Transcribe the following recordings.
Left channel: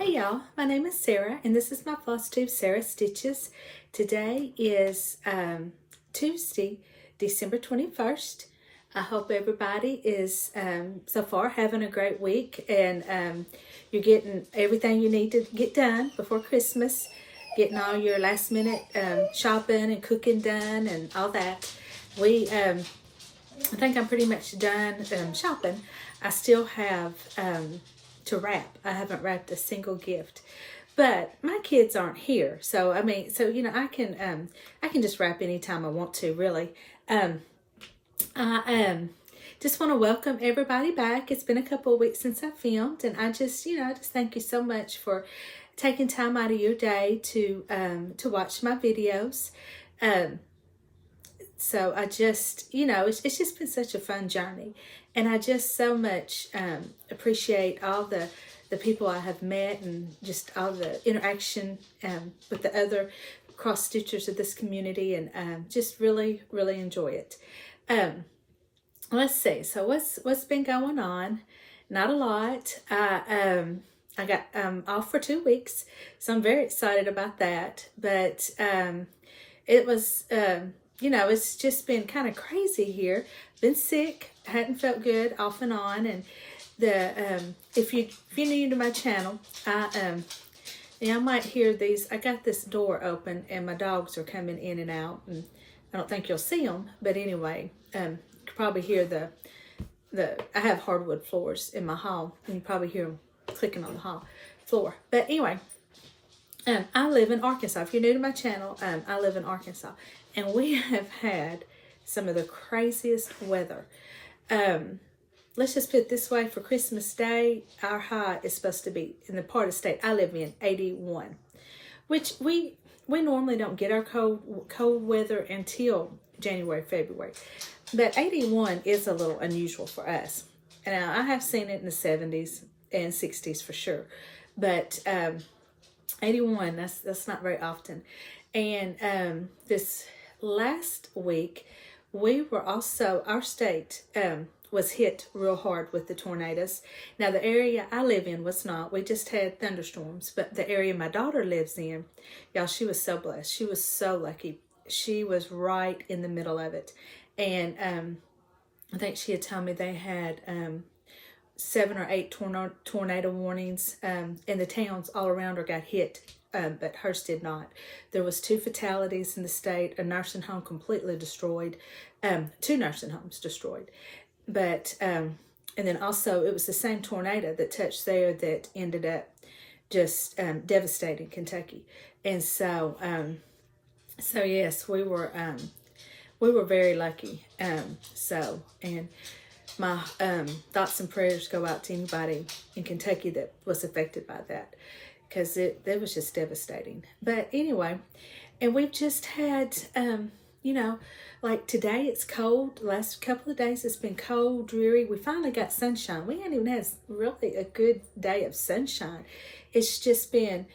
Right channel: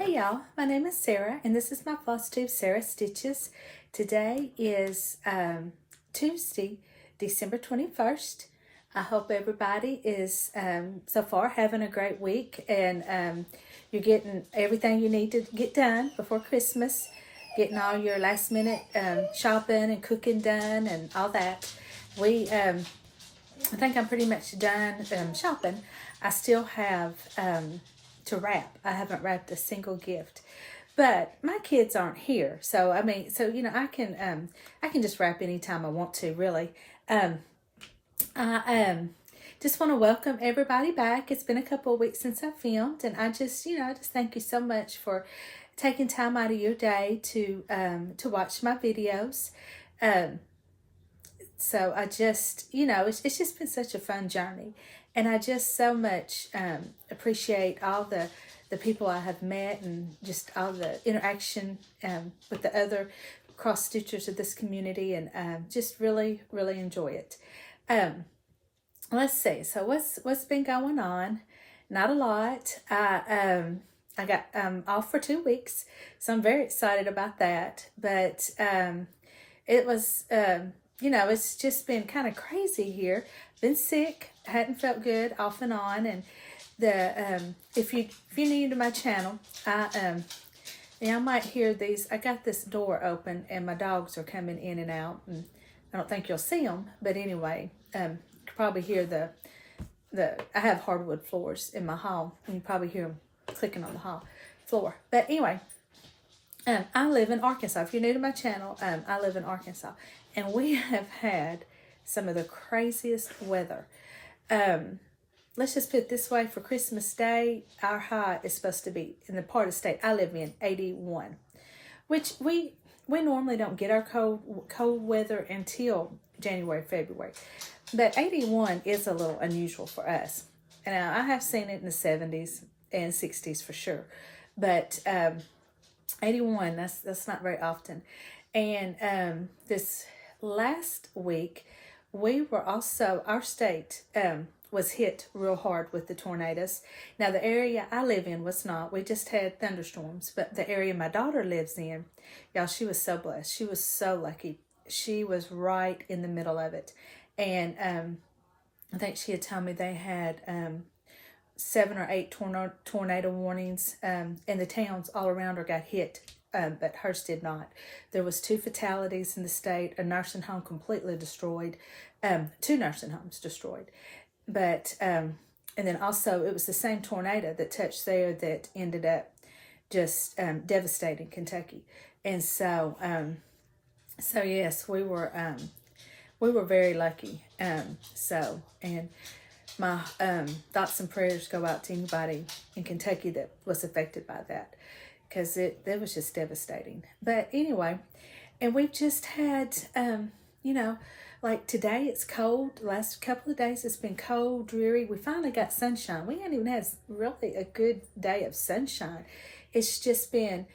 Hey y'all, my name is Sarah and this is my Flosstube Sarah Stitches. Today is Tuesday, December 21st. I hope everybody is so far having a great week and you're getting everything you need to get done before Christmas, getting all your last minute shopping and cooking done and all that. I think I'm pretty much done shopping. I still have to wrap. I haven't wrapped a single gift, but my kids aren't here, so I can just wrap anytime I want to. Really, I just want to welcome everybody back. It's been a couple of weeks since I filmed, and I just thank you so much for taking time out of your day to watch my videos. So I just, it's just been such a fun journey. And I just so much appreciate all the people I have met and just all the interaction with the other cross stitchers of this community, and just really, really enjoy it. Let's see. So what's been going on? Not a lot. I got off for 2 weeks, so I'm very excited about that. But it was it's just been kind of crazy here. Been sick, hadn't felt good off and on, and if you're new to my channel, I might hear these. I got this door open and my dogs are coming in and out, and I don't think you'll see them, but anyway, you can probably hear I have hardwood floors in my hall, and you probably hear them clicking on the hall floor. But anyway, I live in Arkansas. If you're new to my channel, I live in Arkansas, and we have had some of the craziest weather. Let's just put it this way: for Christmas Day, our high is supposed to be, in the part of the state I live in, 81, which we normally don't get our cold weather until January, February. But 81 is a little unusual for us. Now, I have seen it in the 70s and 60s for sure, but 81, that's not very often. And this last week, our state was hit real hard with the tornadoes. Now, the area I live in was not. We just had thunderstorms. But the area my daughter lives in, y'all, she was so blessed. She was so lucky. She was right in the middle of it. And I think she had told me they had 7 or 8 tornado warnings, and the towns all around her got hit. But hers did not. There was 2 fatalities in the state, a nursing home completely destroyed, 2 nursing homes destroyed. But, and then also it was the same tornado that touched there that ended up just devastating Kentucky. And so, yes, we were very lucky. And my thoughts and prayers go out to anybody in Kentucky that was affected by that, because it was just devastating. But anyway, and we've just had, like today it's cold. The last couple of days it's been cold, dreary. We finally got sunshine. We hadn't even had really a good day of sunshine. It's just been,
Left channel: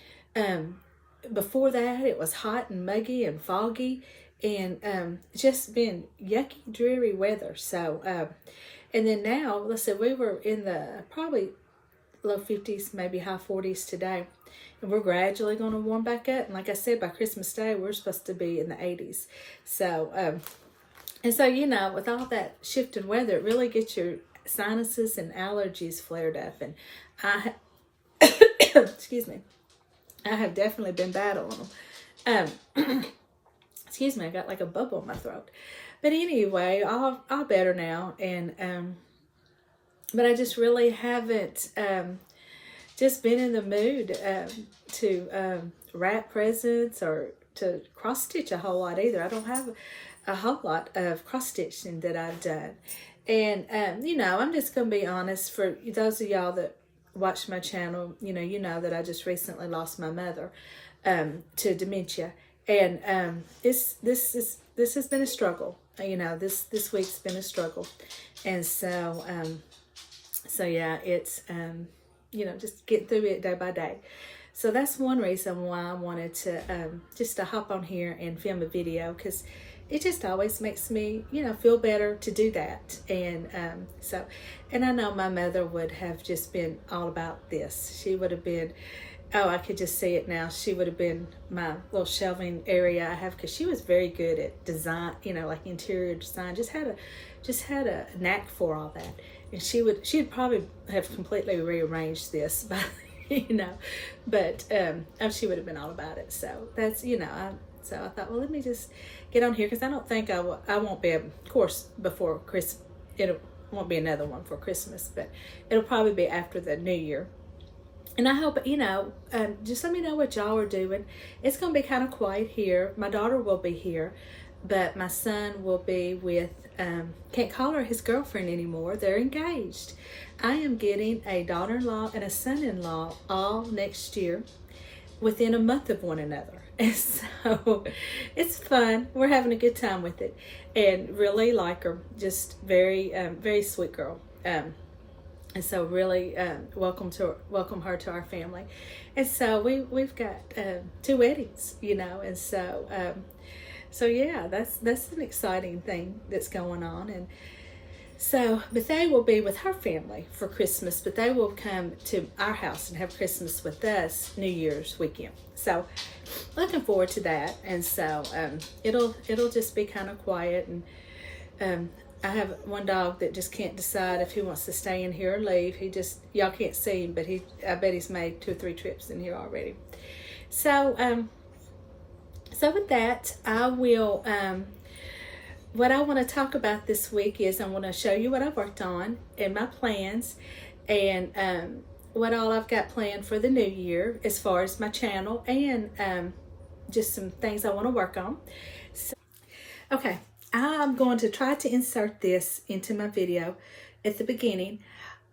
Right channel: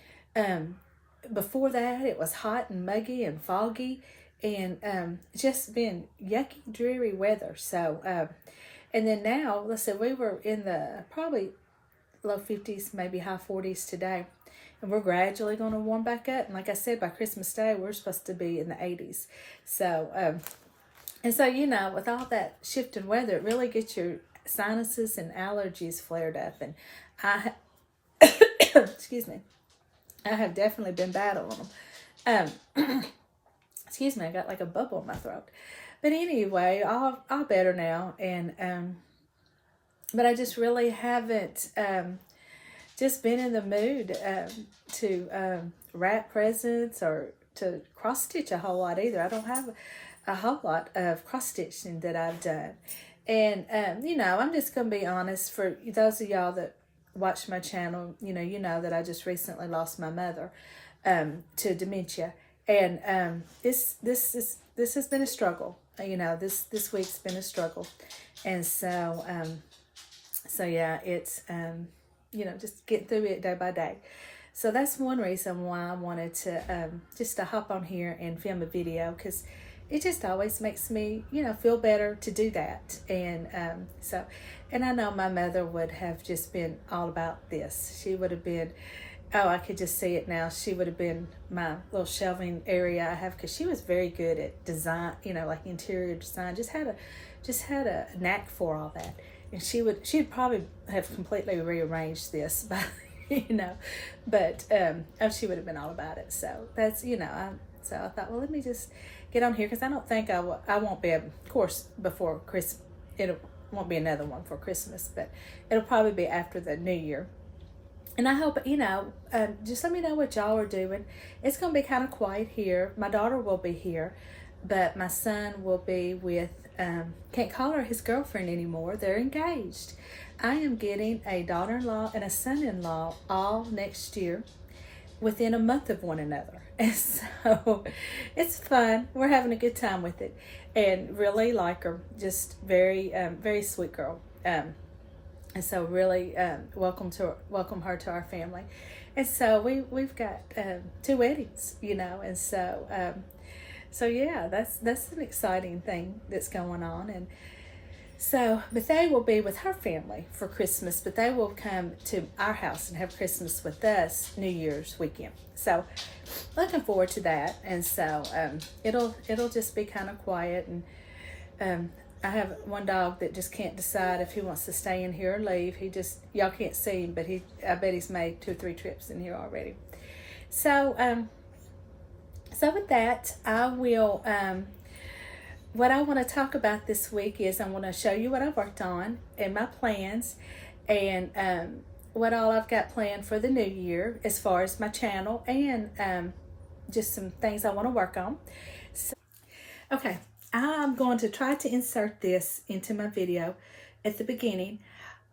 before that it was hot and muggy and foggy, and just been yucky, dreary weather. So, and then now, let's say we were in the probably low 50s, maybe high 40s today. And we're gradually going to warm back up. And like I said, by Christmas Day, we're supposed to be in the 80s. So, and so, with all that shift in weather, it really gets your sinuses and allergies flared up. And excuse me, I have definitely been battling them. Excuse me, I got like a bubble in my throat. But anyway, all better now. And, but I just really haven't, just been in the mood to wrap presents or to cross stitch a whole lot either. I don't have a whole lot of cross stitching that I've done. And, I'm just going to be honest, for those of y'all that watch my channel, you know that I just recently lost my mother to dementia. And this has been a struggle. This week's been a struggle. And so, yeah, it's, just get through it day by day. So that's one reason why I wanted to just to hop on here and film a video, because it just always makes me, feel better to do that. And and I know my mother would have just been all about this. She would have been, oh, I could just see it now. She would have been my little shelving area I have, because she was very good at design, like interior design. Just had a knack for all that. And she'd probably have completely rearranged this by, but she would have been all about it. So that's, so I thought, well, let me just get on here, because I don't think I won't be able, of course, before Christmas. It won't be another one for Christmas, but it'll probably be after the New Year. And I hope, just let me know what y'all are doing. It's going to be kind of quiet here. My daughter will be here, but my son will be with, can't call her his girlfriend anymore. They're engaged. I am getting a daughter-in-law and a son-in-law all next year within a month of one another. And so it's fun. We're having a good time with it, and really like her. Just very, very sweet girl. And so really welcome her to our family. And so we've got 2 weddings, and so yeah, that's an exciting thing that's going on. And so, but they will be with her family for Christmas, but they will come to our house and have Christmas with us New Year's weekend. So looking forward to that. And so it'll just be kind of quiet. And I have one dog that just can't decide if he wants to stay in here or leave. Y'all can't see him, but I bet he's made 2 or 3 trips in here already. So so with that, I will, what I want to talk about this week is I want to show you what I worked on and my plans, and what all I've got planned for the new year as far as my channel, and just some things I want to work on. So, okay, I'm going to try to insert this into my video at the beginning,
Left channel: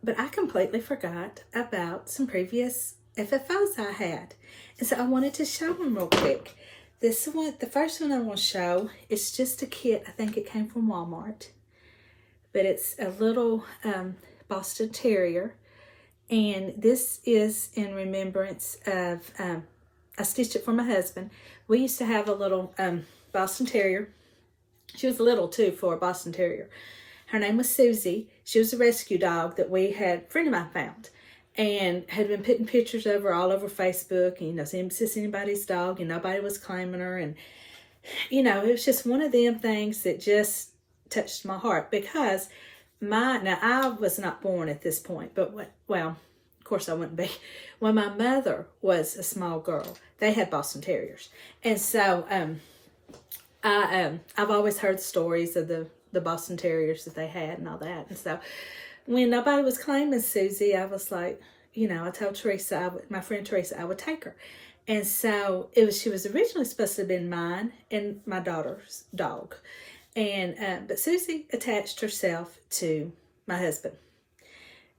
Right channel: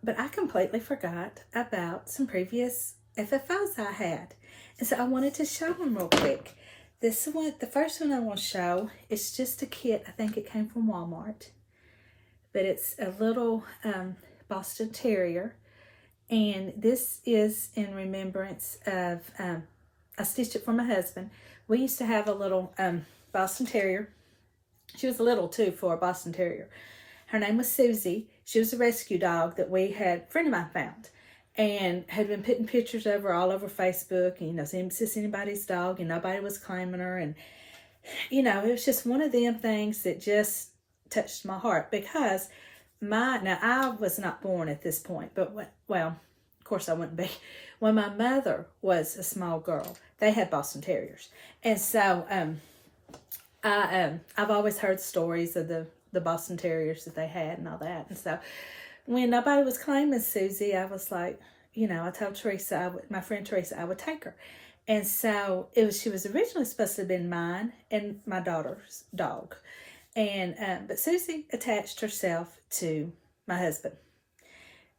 but I completely forgot about some previous FFOs I had. And so I wanted to show them real quick. This one, the first one I want to show, is just a kit. I think it came from Walmart, but it's a little Boston Terrier. And this is in remembrance of, I stitched it for my husband. We used to have a little Boston Terrier. She was little too for a Boston Terrier. Her name was Susie. She was a rescue dog that a friend of mine found, and had been putting pictures of her all over Facebook. And, is this anybody's dog? And nobody was claiming her. And, it was just one of them things that just touched my heart, because now I was not born at this point, but well, of course I wouldn't be. When my mother was a small girl, they had Boston Terriers. And so, I've always heard stories of the Boston Terriers that they had and all that. And so when nobody was claiming Susie, I was like, I told Teresa, my friend Teresa, I would take her. And so she was originally supposed to have been mine and my daughter's dog. And, but Susie attached herself to my husband.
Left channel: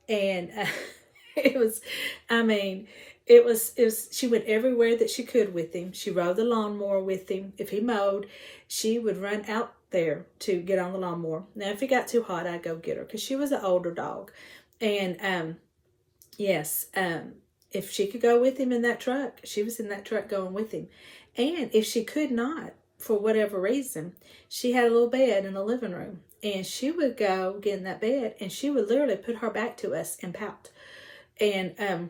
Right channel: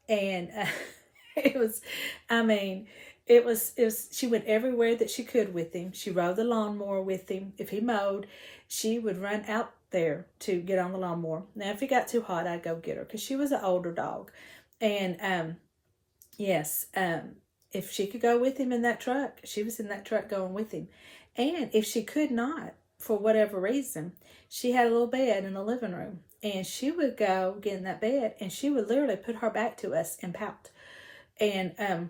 And she went everywhere that she could with him. She rode the lawnmower with him. If he mowed, she would run out there to get on the lawnmower. Now, if it got too hot, I'd go get her, because she was an older dog. And if she could go with him in that truck, she was in that truck going with him. And if she could not, for whatever reason, she had a little bed in the living room, and she would go get in that bed, and she would literally put her back to us and pout. And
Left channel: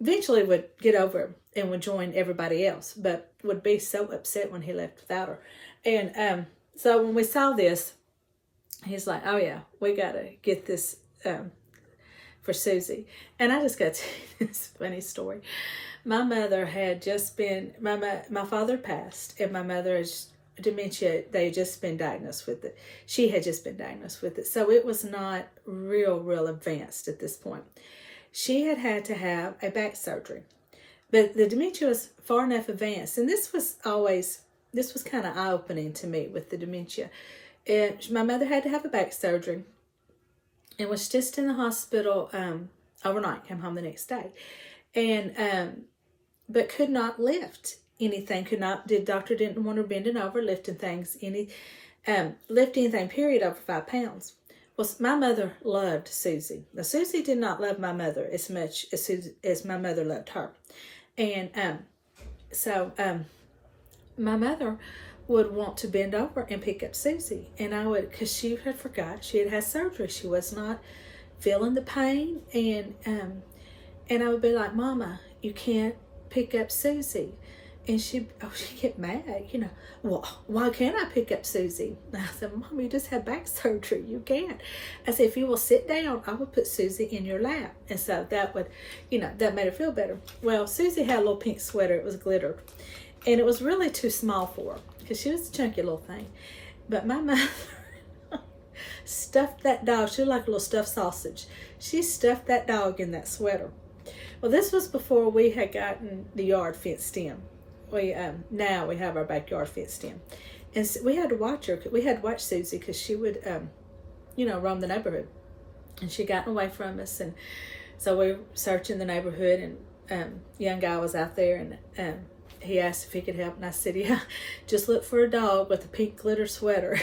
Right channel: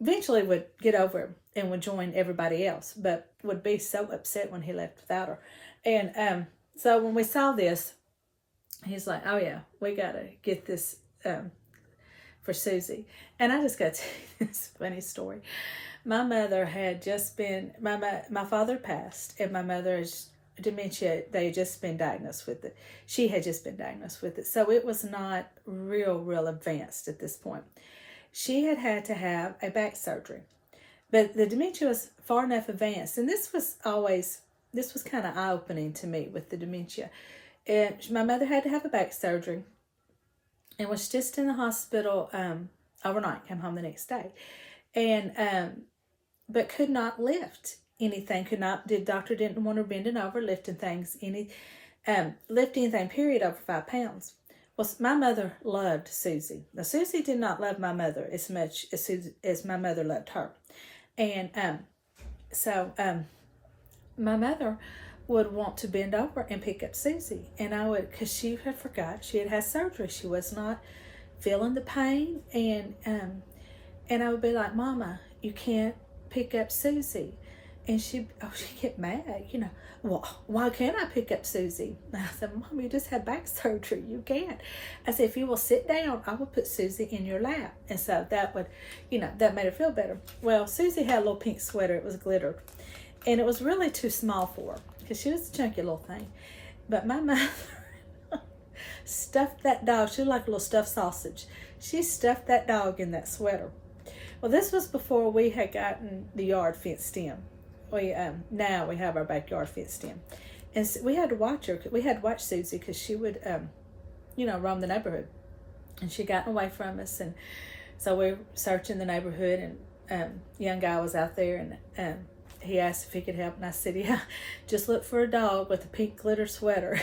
eventually would get over him and would join everybody else, but would be so upset when he left without her. And so when we saw this, he's like, oh yeah, we got to get this for Susie. And I just got to tell you this funny story. My mother had just been, my father passed, and my mother's dementia, they had just been diagnosed with it. She had just been diagnosed with it. So it was not real advanced at this point. She had to have a back surgery, but the dementia was far enough advanced. And this was kind of eye-opening to me with the dementia. And my mother had to have a back surgery and was just in the hospital overnight, came home the next day. And, but could not lift anything, the doctor didn't want her bending over, lifting things, lift anything, period, over 5 pounds. Well, my mother loved Susie. Now, Susie did not love my mother as much as my mother loved her. And so my mother would want to bend over and pick up Susie. And I would, because she had forgot, she had had surgery. She was not feeling the pain. And I would be like, Mama, you can't pick up Susie. And she get mad, well, why can't I pick up Susie? And I said, Mom, you just had back surgery. You can't. I said, if you will sit down, I will put Susie in your lap. And so that would, that made her feel better. Well, Susie had a little pink sweater. It was glittered. And it was really too small for her because she was a chunky little thing. But my mother stuffed that dog. She was like a little stuffed sausage. She stuffed that dog in that sweater. Well, this was before we had gotten the yard fenced in. Now we have our backyard fenced in, and so we had to watch her. We had to watch Susie because she would, roam the neighborhood, and she got away from us. And so we were searching the neighborhood, and young guy was out there, and he asked if he could help, and I said, yeah, just look for a dog with a pink glitter sweater.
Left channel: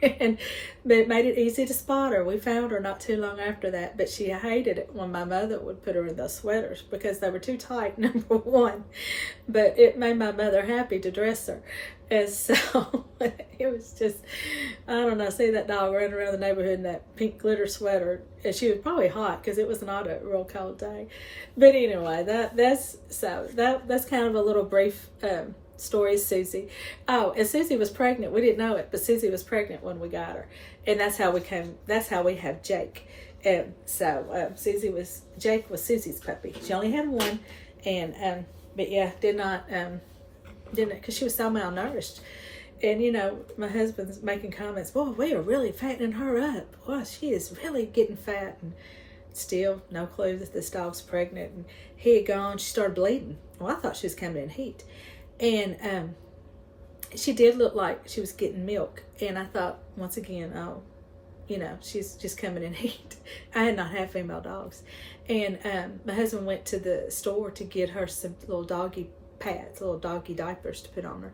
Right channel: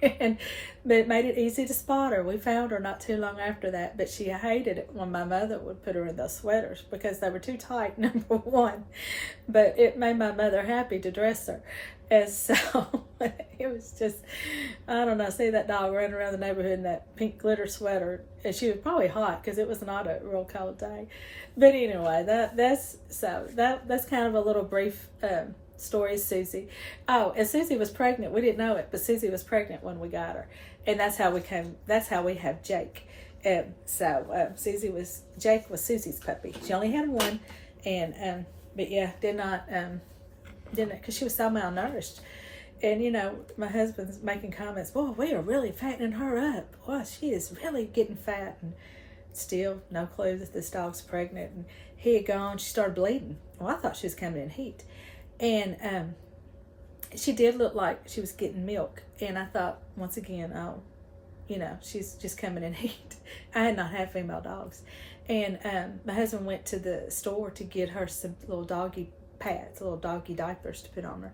But it made it easy to spot her. We found her not too long after that, but she hated it when my mother would put her in those sweaters because they were too tight, number one. But it made my mother happy to dress her. And so it was just, I don't know, see that dog running around the neighborhood in that pink glitter sweater. And she was probably hot because it was not a real cold day. But anyway, that's kind of a little brief story of Susie. Oh, and Susie was pregnant. We didn't know it, but Susie was pregnant when we got her. And that's how we have Jake. And so Jake was Susie's puppy. She only had one. And, but yeah, didn't, because she was so malnourished. And, my husband's making comments, boy, we are really fattening her up. Boy, she is really getting fat. And still no clue that this dog's pregnant. And he had gone, she started bleeding. Well, I thought she was coming in heat. And she did look like she was getting milk. And I thought, once again, oh, she's just coming in heat. I had not had female dogs. And my husband went to the store to get her some little doggy pads, little doggy diapers to put on her.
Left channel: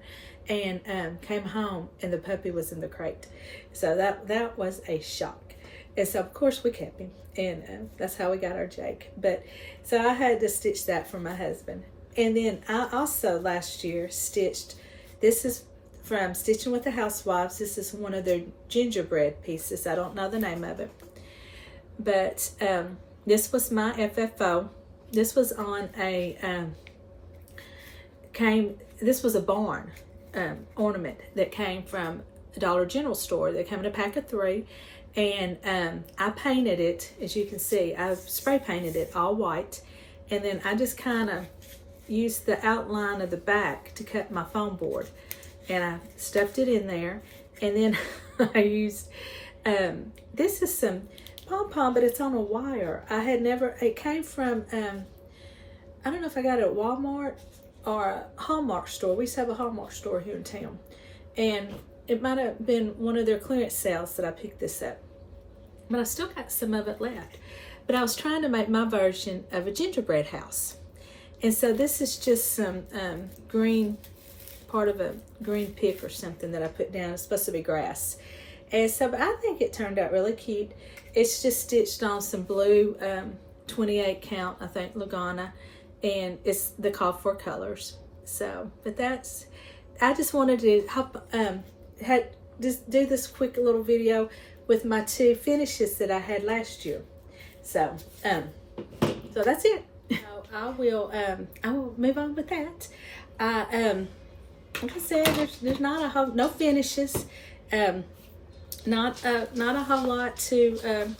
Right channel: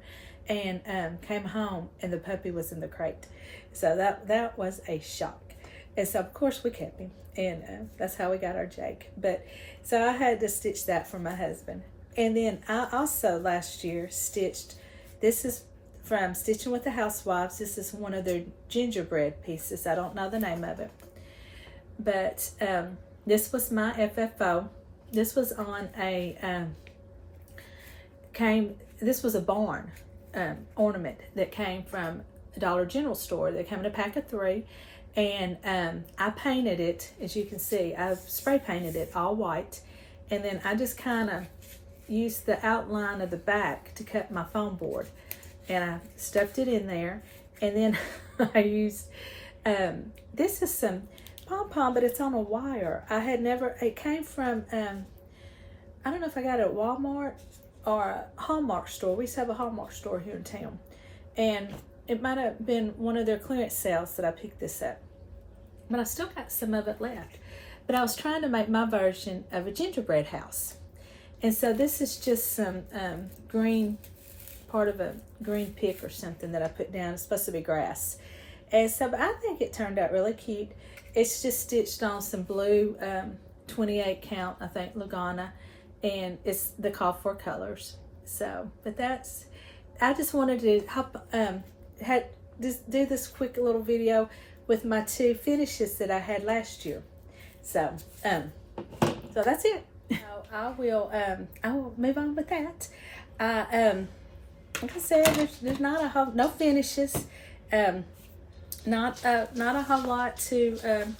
And came home, and the puppy was in the crate. So that was a shock. And so, of course, we kept him. And that's how we got our Jake. But so I had to stitch that for my husband. And then I also last year stitched, this is from Stitching with the Housewives. This is one of their gingerbread pieces. I don't know the name of it. But this was my FFO. This was on this was a barn ornament that came from a Dollar General store. They came in a pack of 3. And I painted it, as you can see, I've spray painted it all white. And then I just kind of used the outline of the back to cut my foam board, and I stuffed it in there. And then I used this is some pom-pom, but it's on a wire. It came from I don't know if I got it at Walmart or a Hallmark store. We used to have a Hallmark store here in town, and it might have been one of their clearance sales that I picked this up, but I still got some of it left. But I was trying to make my version of a gingerbread house. And so this is just some green, part of a green pick or something that I put down. It's supposed to be grass. And so but I think it turned out really cute. It's just stitched on some blue 28 count, I think, Lugana. And it's the call for colors. So, but I just wanted to just do this quick little video with my 2 finishes that I had last year. So that's it. I will move on with that. Like I said, there's no finishes, not a whole lot to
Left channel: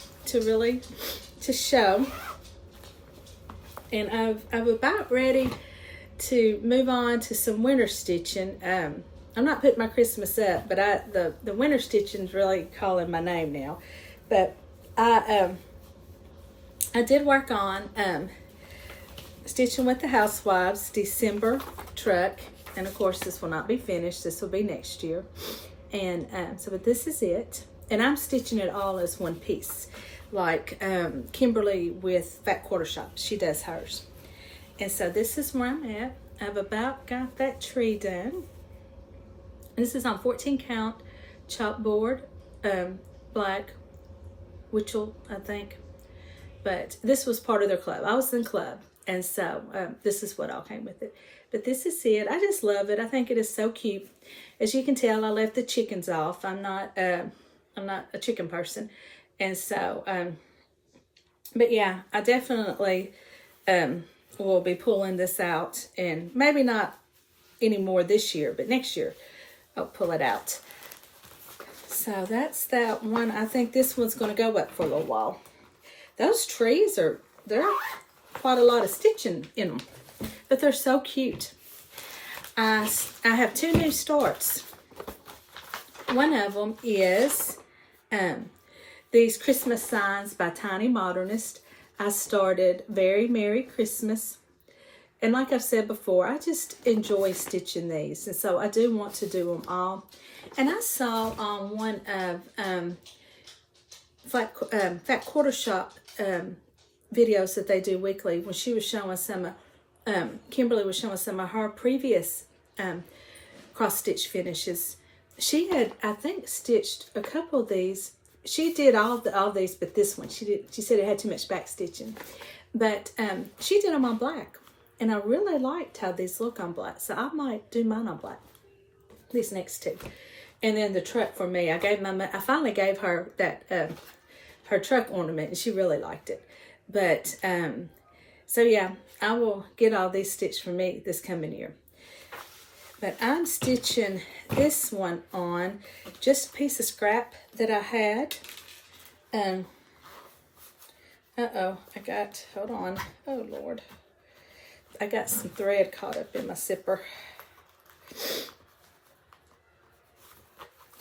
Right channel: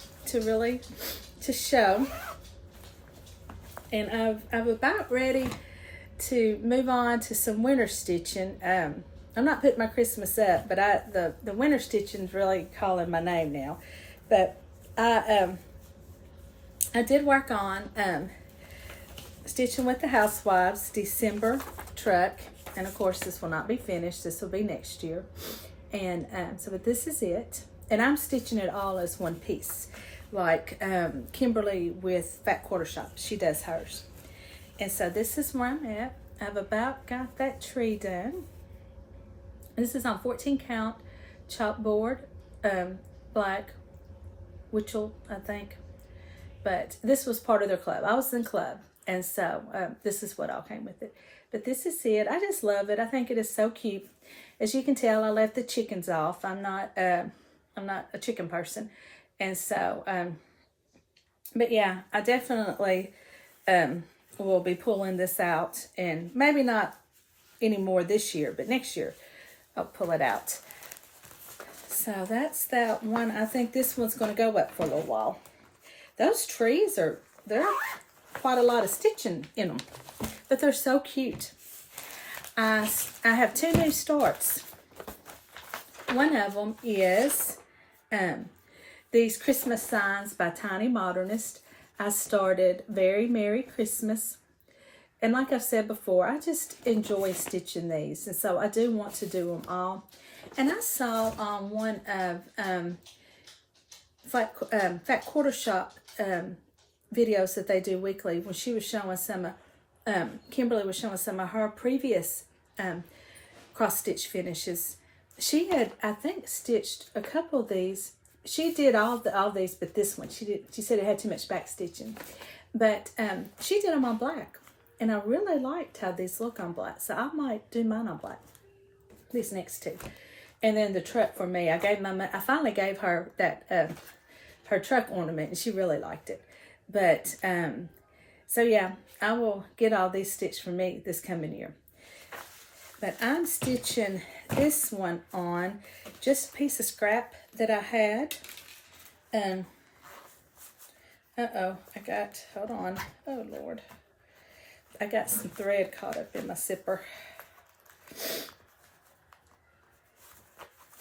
show, and I'm about ready to move on to some winter stitching. I'm not putting my Christmas up, but the winter stitching's really calling my name now. But I did work on Stitching with the Housewives December truck, and of course this will not be finished. This will be next year. And but this is it, and I'm stitching it all as one piece, like Kimberly with Fat Quarter Shop, she does hers. And so this is where I'm at. I've about got that tree done. This is on 14 count chopboard, black Witchell, I think. But this was part of their club. I was in club. And so this is what all came with it. But this is it. I just love it. I think it is so cute. As you can tell, I left the chickens off. I'm not a chicken person. And so, but yeah, I definitely will be pulling this out, and maybe not anymore this year, but next year I'll pull it out. So that's that one. I think this one's going to go up for a little while. Those trees they're quite a lot of stitching in them, but they're so cute. I have 2 new starts. One of them is these Christmas signs by Tiny Modernist. I started Very Merry Christmas. And like I've said before, I just enjoy stitching these. And so I do want to do them all. And I saw on one of Fat Quarter Shop videos that they do weekly, when she was showing some, Kimberly was showing some of her previous cross stitch finishes. She had, I think, stitched a couple of these. She did all these, but this one she said it had too much back stitching. But she did them on black, and I really liked how these look on black. So I might do mine on black. These next 2, and then the truck for me. I finally gave her that her truck ornament, and she really liked it. But so yeah, I will get all these stitched for me this coming year. But I'm stitching this one on just a piece of scrap that I had. Hold on. Oh, Lord. I got some thread caught up in my zipper.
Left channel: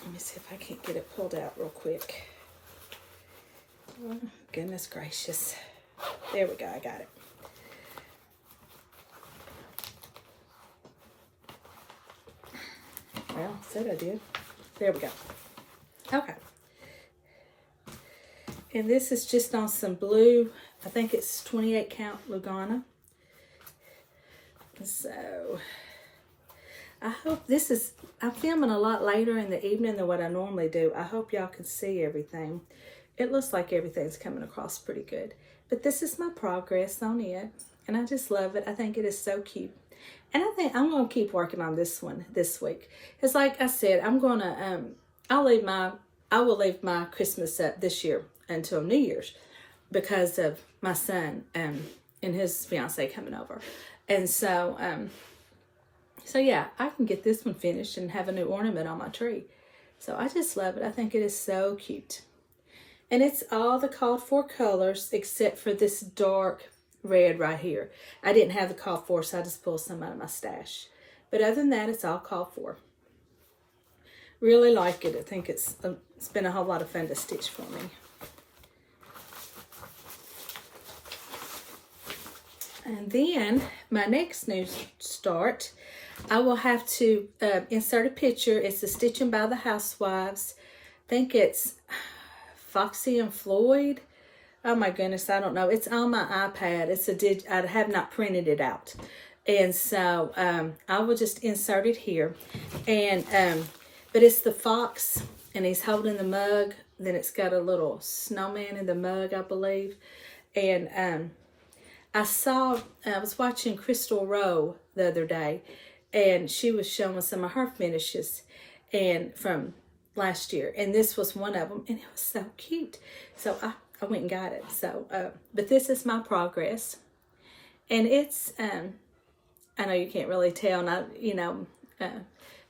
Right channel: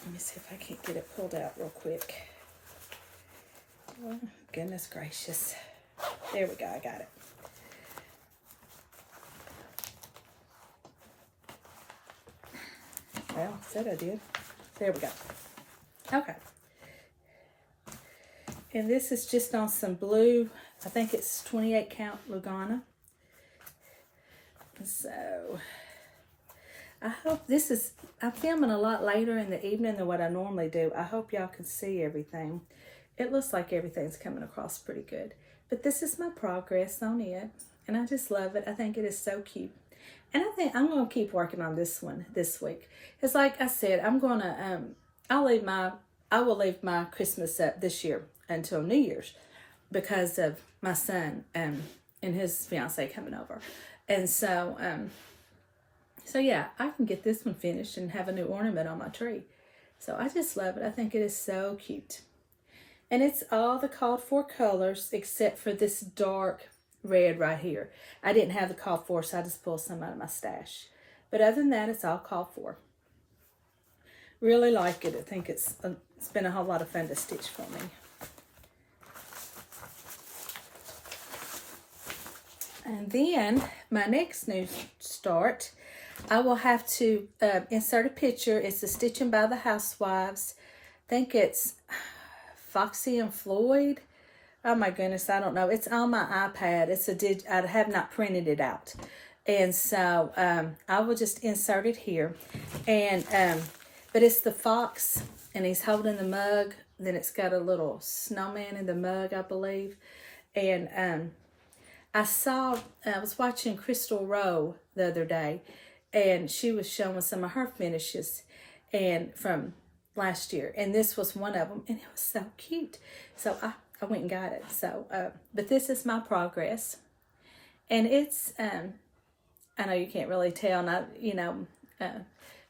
Let me see if I can't get it pulled out real quick. Oh, goodness gracious. There we go. I got it. Well, said I did. There we go. Okay. And this is just on some blue, I think it's 28 count Lugana. So, I hope I'm filming a lot later in the evening than what I normally do. I hope y'all can see everything. It looks like everything's coming across pretty good. But this is my progress on it. And I just love it. I think it is so cute. And I think I'm going to keep working on this one this week. It's like I said, I'm going to, I will leave my Christmas up this year until New Year's because of my son and his fiance coming over. And so, so yeah, I can get this one finished and have a new ornament on my tree. So I just love it. I think it is so cute. And it's all the called for colors except for this dark red right here. I didn't have the called for, so I just pulled some out of my stash. But other than that, it's all called for. Really like it. I think it's been a whole lot of fun to stitch for me. And then my next new start, I will have to insert a picture. It's the Stitching by the Housewives. I think it's Foxy and Floyd. Oh my goodness, I don't know. It's on my iPad. I have not printed it out. And so I will just insert it here. And but it's the fox, and he's holding the mug. Then it's got a little snowman in the mug, I believe. And I was watching Crystal Rowe the other day, and she was showing some of her finishes and from last year. And this was one of them, and it was so cute. So I went and got it. So, but this is my progress. And it's, I know you can't really tell,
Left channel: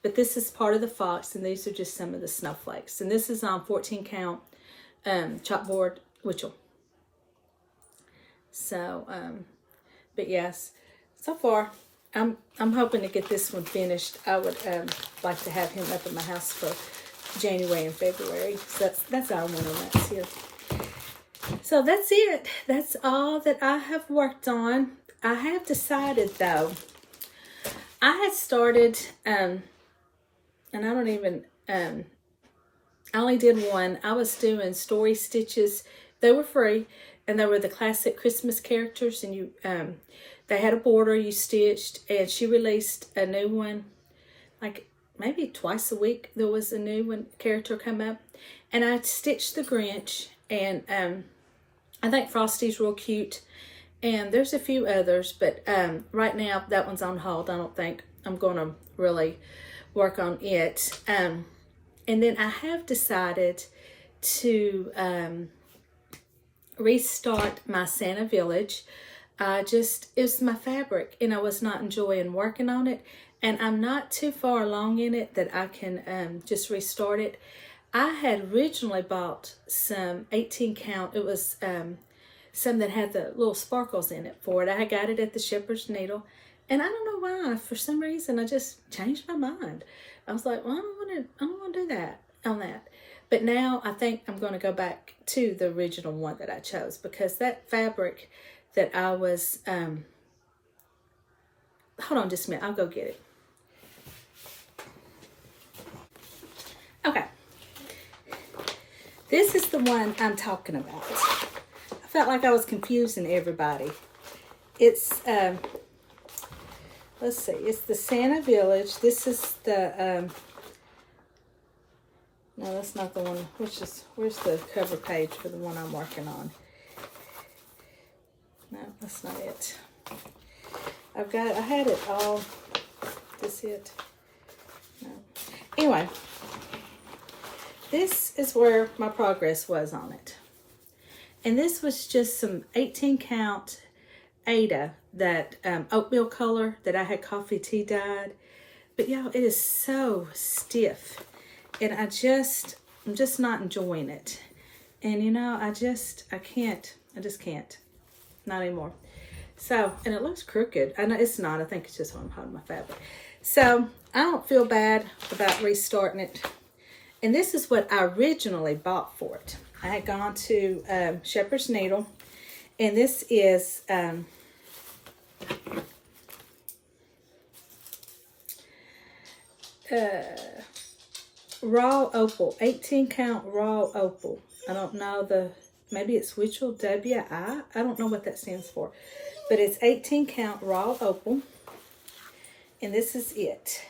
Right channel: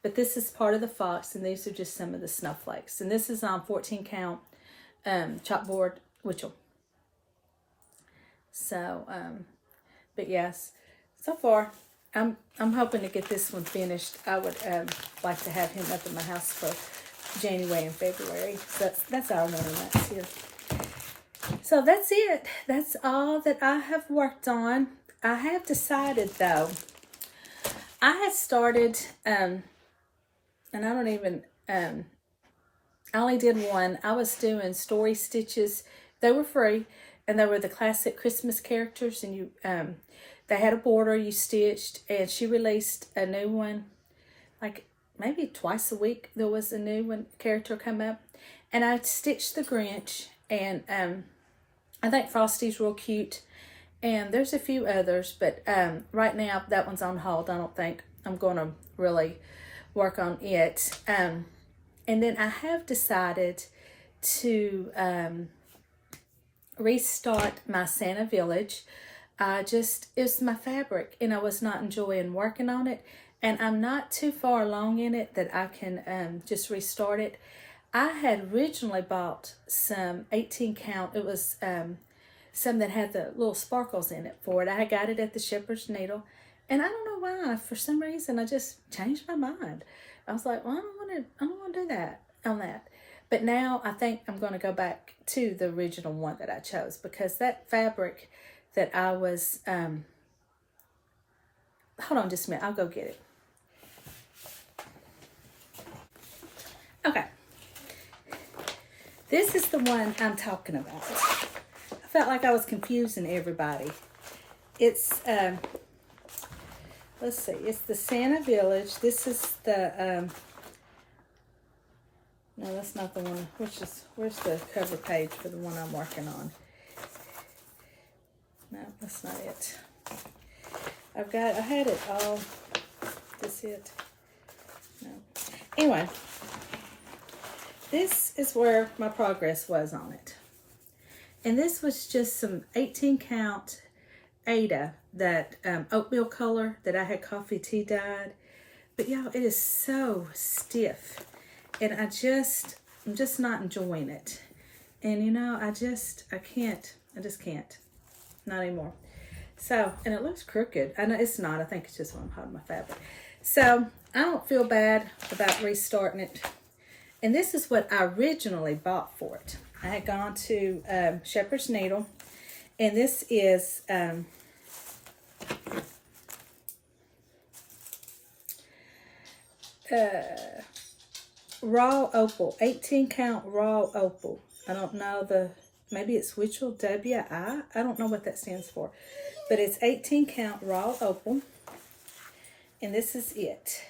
but this is part of the fox, and these are just some of the snowflakes. And this is on 14 count chalkboard Witchell. So, but yes, so far, I'm hoping to get this one finished. I would like to have him up in my house for January and February. So that's our ornaments here. So that's it. That's all that I have worked on. I have decided, though, I had started, and I don't even, I only did one. I was doing story stitches. They were free, and they were the classic Christmas characters, and you, they had a border you stitched, and she released a new one, like maybe twice a week. There was a new one character come up, and I stitched the Grinch, and I think Frosty's real cute, and there's a few others, but right now that one's on hold. I don't think I'm going to really work on it. And then I have decided to restart my Santa Village. it was my fabric and I was not enjoying working on it. And I'm not too far along in it that I can just restart it. I had originally bought some 18 count. It was some that had the little sparkles in it for it. I got it at the Shepherd's Needle. And I don't know why, for some reason, I just changed my mind. I was like, well, I don't want to do that on that. But now I think I'm going to go back to the original one that I chose, because that fabric that I was, hold on just a minute, I'll go get it. Okay. This is the one I'm talking about. I felt like I was confusing everybody. It's, let's see, it's the Santa Village. This is the, no, that's not the one. Where's the cover page for the one I'm working on? No, that's not it. I had it all. This it? No. Anyway, this is where my progress was on it. And this was just some 18 count Ada, that oatmeal color that I had coffee tea dyed. But y'all, it is so stiff. And I'm just not enjoying it. And you know, I just can't. Not anymore. So, and it looks crooked. I know it's not. I think it's just when I'm holding my fabric. So, I don't feel bad about restarting it. And this is what I originally bought for it. I had gone to Shepherd's Needle. And this is raw opal, 18 count raw opal. I don't know maybe it's Witchell W.I. I don't know what that stands for. But it's 18 count raw opal. And this is it.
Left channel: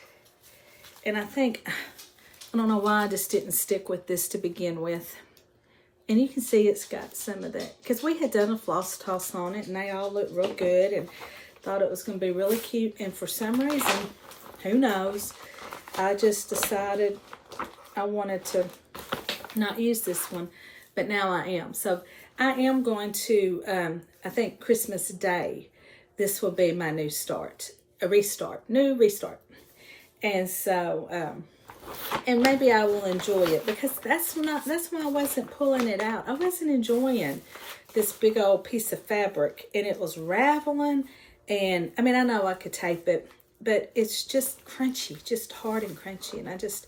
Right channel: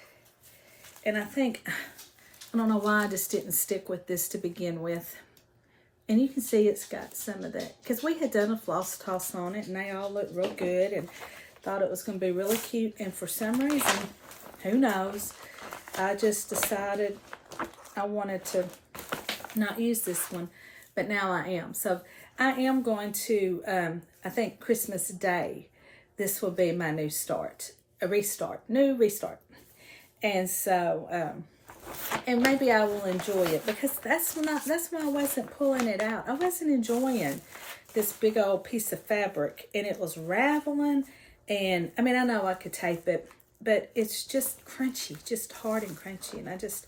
And I think, I don't know why I just didn't stick with this to begin with. And you can see it's got some of that. Because we had done a floss toss on it and they all looked real good. And thought it was going to be really cute. And for some reason, who knows, I just decided I wanted to not use this one. But now I am. So I am going to, I think Christmas Day, this will be my new restart. And so, and maybe I will enjoy it, because that's why I wasn't pulling it out. I wasn't enjoying this big old piece of fabric, and it was raveling. And I mean, I know I could tape it, but it's just crunchy, just hard and crunchy. And I just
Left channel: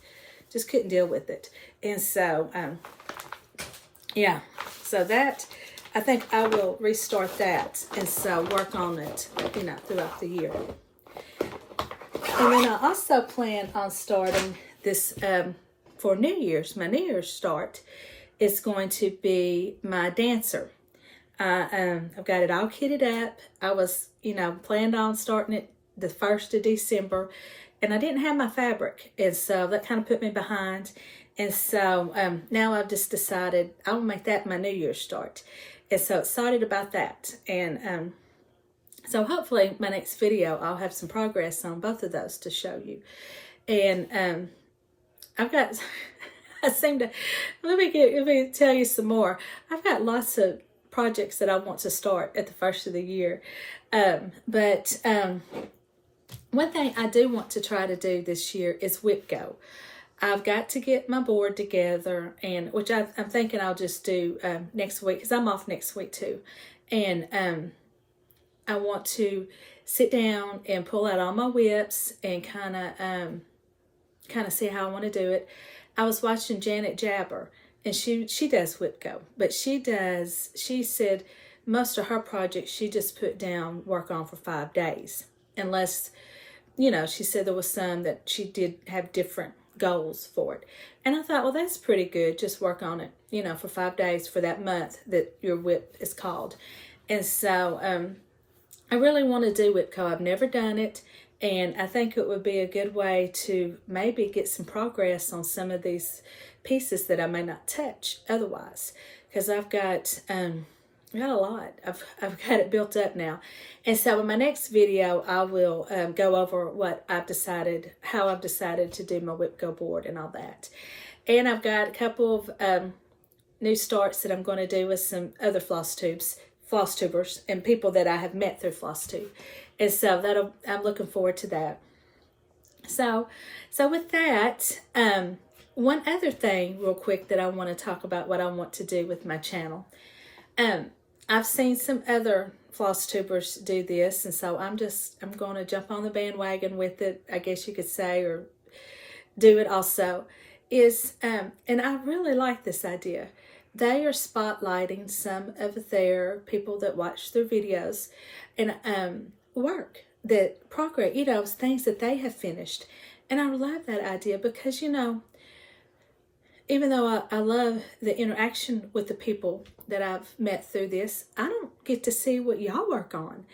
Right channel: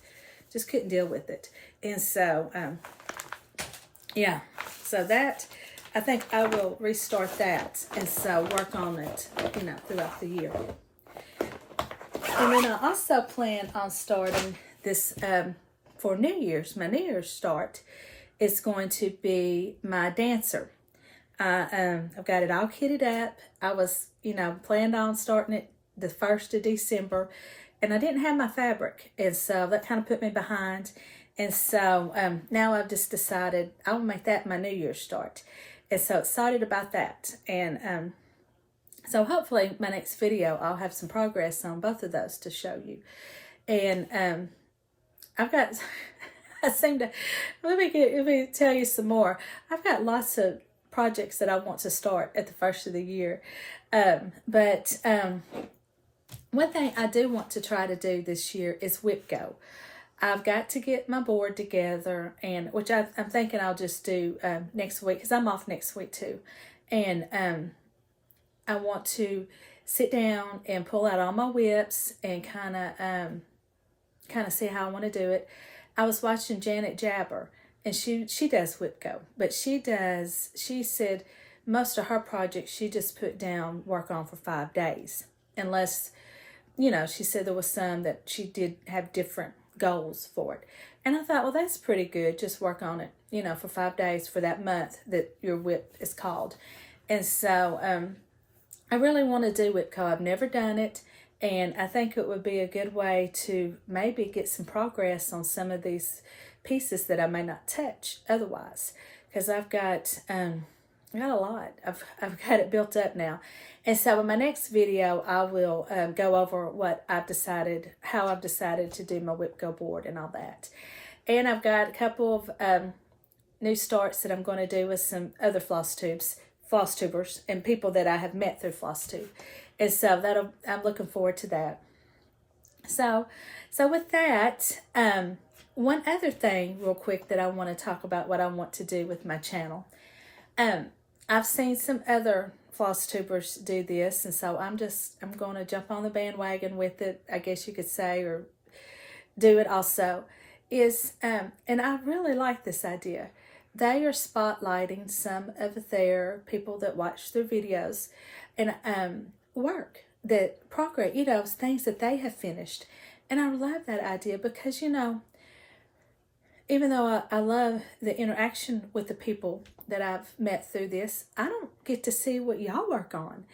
couldn't deal with it. And so, yeah, so that, I think I will restart that, and so work on it, you know, throughout the year. And then I also plan on starting this for New Year's. My New Year's start is going to be my dancer. I've got it all kitted up. I was, you know, planned on starting it the 1st of December, and I didn't have my fabric, and so that kind of put me behind. And so now I've just decided I'll make that my New Year's start. And so excited about that. And so hopefully my next video, I'll have some progress on both of those to show you. And I've got, let me tell you some more. I've got lots of projects that I want to start at the 1st of the year. But one thing I do want to try to do this year is whip go. I've got to get my board together, and which I'm thinking I'll just do next week, because I'm off next week too. And I want to sit down and pull out all my whips and kind of see how I want to do it. I was watching Janet Jabber, and she does whip go, but she said most of her projects she just put down work on for 5 days, unless, you know, she said there was some that she did have different goals for it. And I thought, well, that's pretty good. Just work on it, you know, for 5 days for that month that your whip is called. And so I really want to do whip co. I've never done it, and I think it would be a good way to maybe get some progress on some of these pieces that I may not touch otherwise, because I've got a lot. I've got it built up now. And so in my next video, I will go over how I've decided to do my whip go board and all that. And I've got a couple of new starts that I'm going to do with some other floss tubes Flosstubers and people that I have met through Flosstube. And so I'm looking forward to that. So with that, one other thing real quick that I want to talk about what I want to do with my channel. I've seen some other Flosstubers do this, and so I'm going to jump on the bandwagon with it, I guess you could say, or do it also, and I really like this idea. They are spotlighting some of their people that watch their videos and work, that progress, things that they have finished. And I love that idea because, even though I love the interaction with the people that I've met through this, I don't get to see what y'all work on.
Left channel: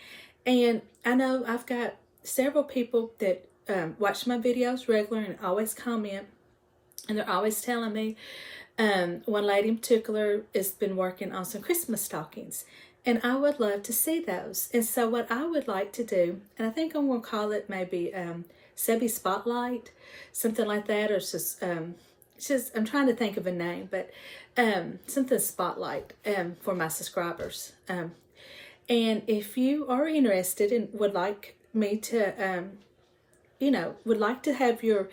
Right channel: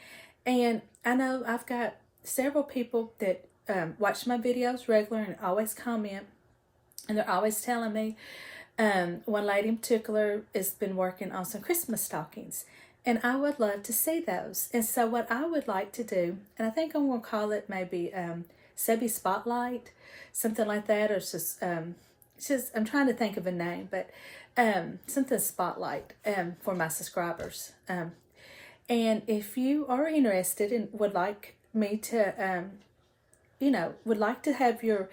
And I know I've got several people that watch my videos regular and always comment, and they're always telling me. One lady in particular has been working on some Christmas stockings, and I would love to see those. And so what I would like to do, and I think I'm going to call it maybe Sebby Spotlight, something like that, or just I'm trying to think of a name, but something Spotlight for my subscribers. And if you are interested and would like me to, would like to have your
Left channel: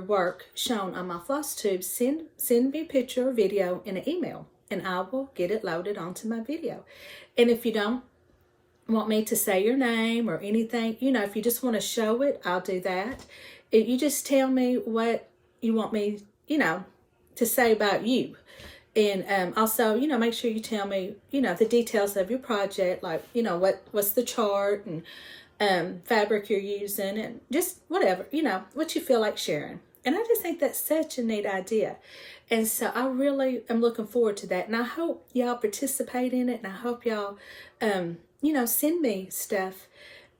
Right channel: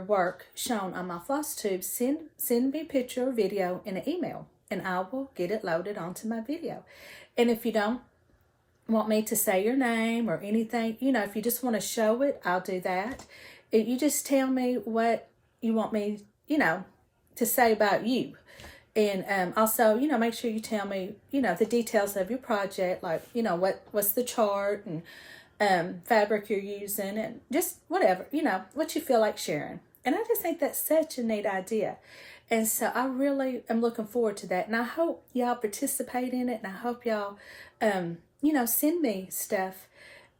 work shown on my Flosstube, send me a picture or video in an email, and I will get it loaded onto my video. And if you don't want me to say your name or anything, if you just want to show it, I'll do that. You just tell me what you want me, to say about you. And also, make sure you tell me, the details of your project, like, what's the chart and fabric you're using, and just whatever, what you feel like sharing. And I just think that's such a neat idea. And so I really am looking forward to that. And I hope y'all participate in it. And I hope y'all, send me stuff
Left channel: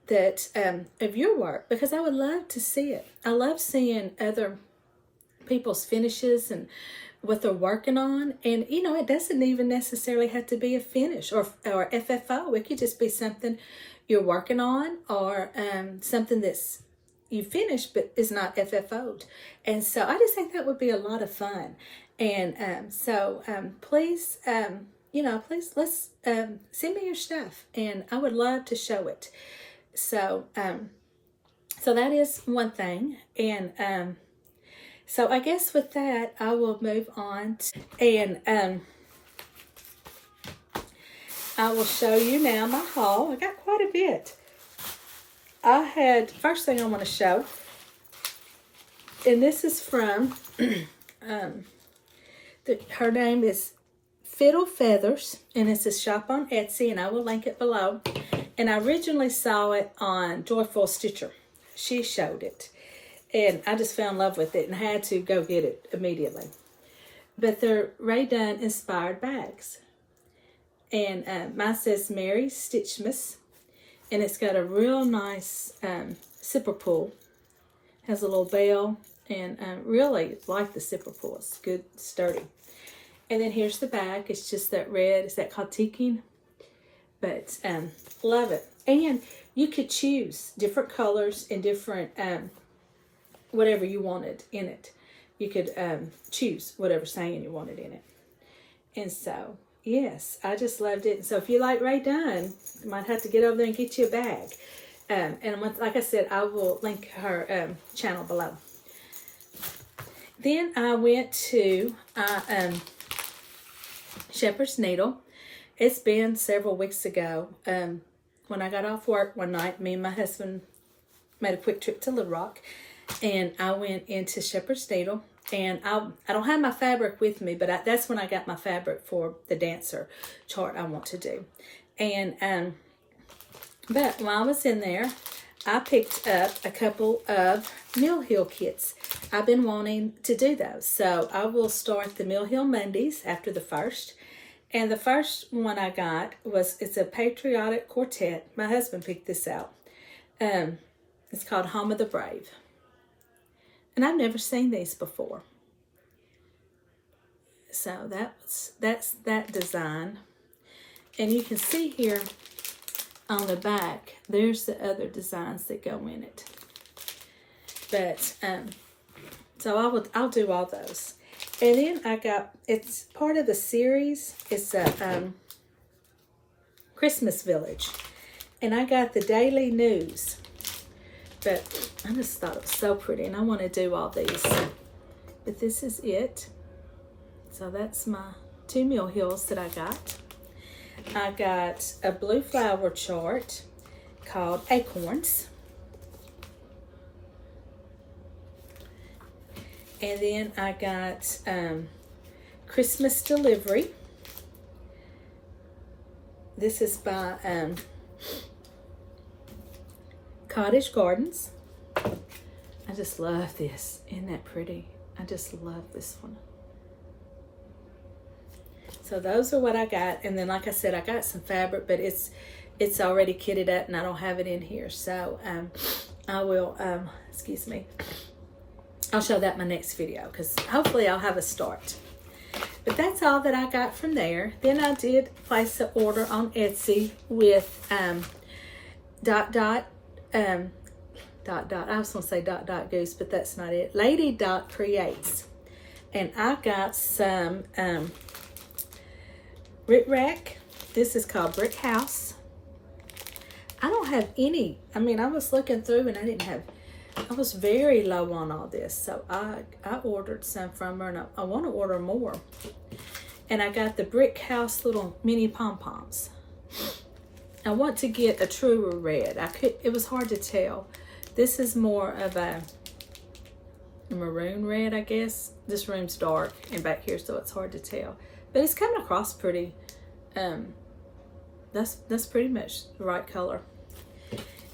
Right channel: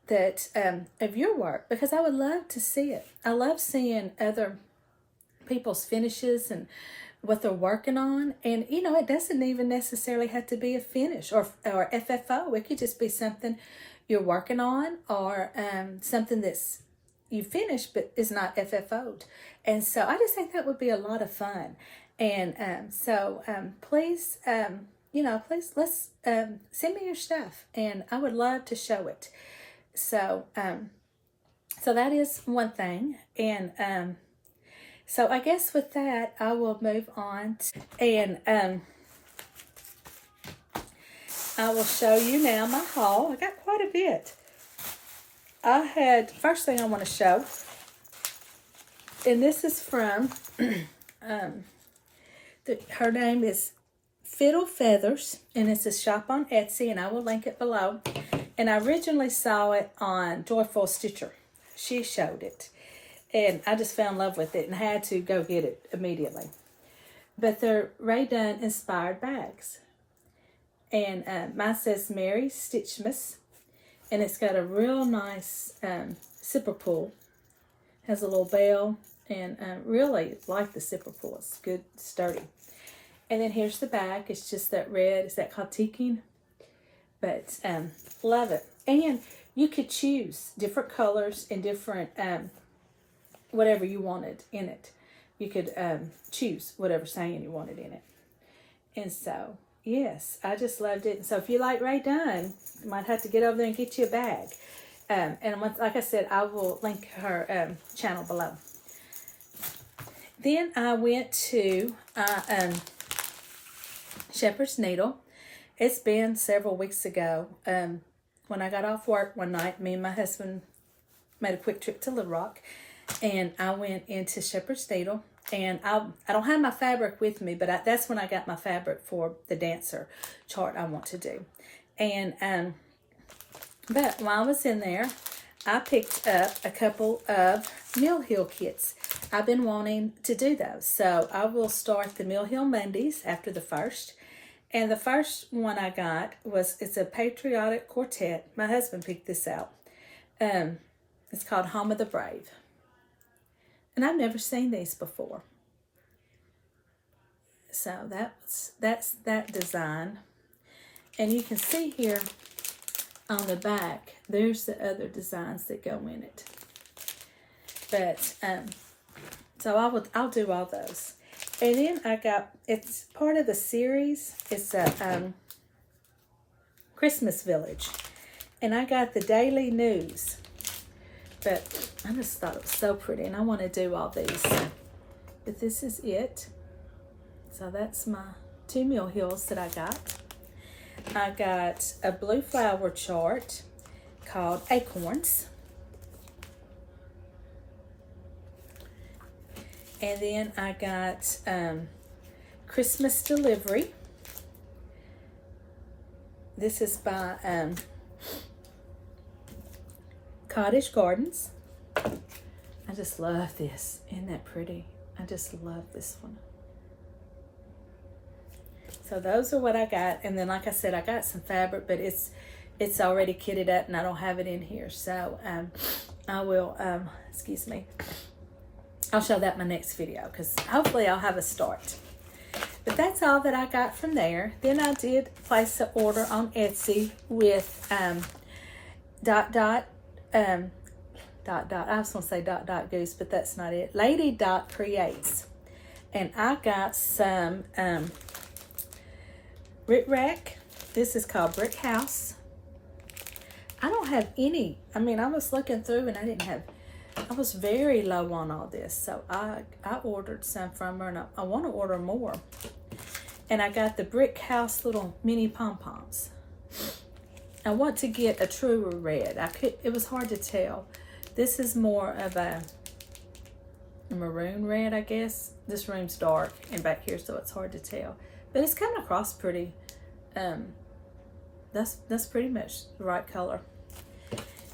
that, of your work, because I would love to see it. I love seeing other people's finishes and what they're working on. And, it doesn't even necessarily have to be a finish or FFO. It could just be something you're working on, or something that's you finished but is not FFO'd. And so I just think that would be a lot of fun. And please, please let's send me your stuff, and I would love to show it. So that is one thing. And so I guess with that, I will move on and I will show you now my haul. I got quite a bit. First thing I want to show, and this is from, her name is Fiddle Feathers, and it's a shop on Etsy, and I will link it below. And I originally saw it on Joyful Stitcher. She showed it, and I just fell in love with it and had to go get it immediately. But they're Ray Dunn inspired bags. And mine says Merry Stitchmas, and it's got a real nice zipper pull. Has a little bell, and really like the zipper pull. It's good, sturdy. And then here's the back. It's just that red. Is that called teaking? But love it. And you could choose different colors and different whatever you wanted in it. You could choose whatever saying you wanted in it. And so, yes, I just loved it. And so if you like Ray Dunn, you might have to get over there and get you a bag. And like I said, I will link her channel below. Then I went to Shepherd's Needle. It's been several weeks ago. When I got off work one night, me and my husband made a quick trip to Little Rock, and I went into Shepherd's Needle. And I don't have my fabric with me, but that's when I got my fabric for the dancer chart I want to do. And but while I was in there, I picked up a couple of Mill Hill kits. I've been wanting to do those. So I will start the Mill Hill Mondays after the first. And the first one I got it's a patriotic quartet. My husband picked this out. It's called Home of the Brave. And I've never seen these before. So that's that design. And you can see here on the back, there's the other designs that go in it. But so I'll do all those. And then it's part of a series. It's a Christmas Village. And I got the Daily News. But I just thought it was so pretty, and I want to do all these. But this is it. So that's my 2 Mill Hills that I got. I got a blue flower chart called Acorns. And then I got Christmas Delivery. This is by Cottage Gardens. I just love this. Isn't that pretty? I just love this one. So those are what I got. And then, like I said, I got some fabric, but it's already kitted up and I don't have it in here. So I will, excuse me, I'll show that in my next video because hopefully I'll have a start. But that's all that I got from there. Then I did place an order on Etsy with Dot. I was going to say Dot Goose, but that's not it. Lady Dot Creates. And I got some Brick Rack. This is called Brick House. I don't have any. I mean, I was looking through and I was very low on all this. So I ordered some from her and I want to order more. And I got the Brick House little mini pom-poms. I want to get a truer red. It was hard to tell. This is more of a maroon red, I guess. This room's dark and back here, so it's hard to tell. But it's coming across pretty. That's pretty much the right color.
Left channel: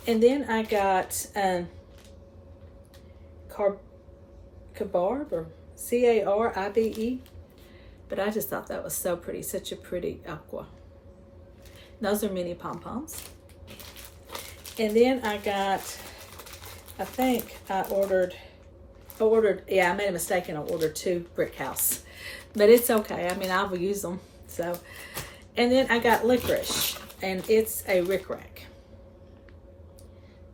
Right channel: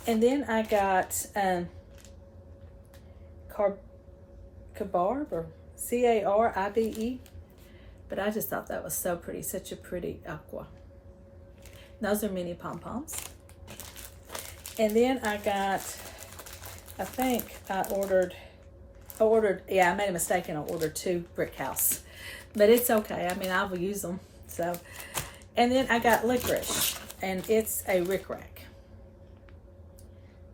And then I got Carbarbe, or Caribe. But I just thought that was so pretty. Such a pretty aqua. Those are mini pom-poms. And then I got, I think I ordered, yeah, I made a mistake and I ordered 2 Brick House. But it's okay. I mean, I will use them. So, and then I got Licorice, and it's a Rick Rack.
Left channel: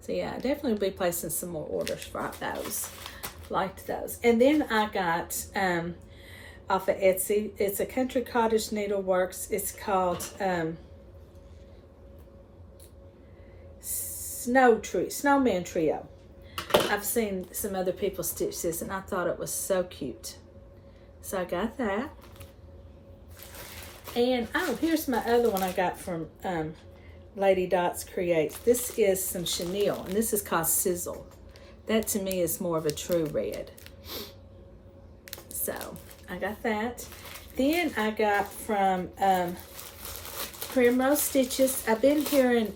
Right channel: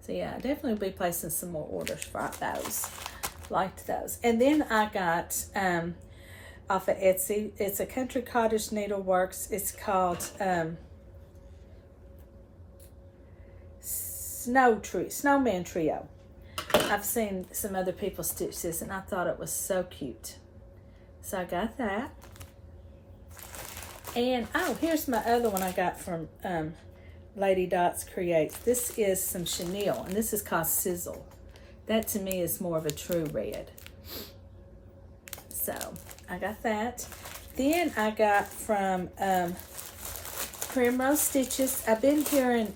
So yeah, I definitely will be placing some more orders for those. Liked those. And then I got off of Etsy. It's a Country Cottage Needleworks. It's called Snowman Trio. I've seen some other people stitch this and I thought it was so cute. So I got that. And oh, here's my other one I got from Lady Dots Creates. This is some chenille and this is called Sizzle. That to me is more of a true red. So I got that. Then I got from Primrose Stitches. I've been hearing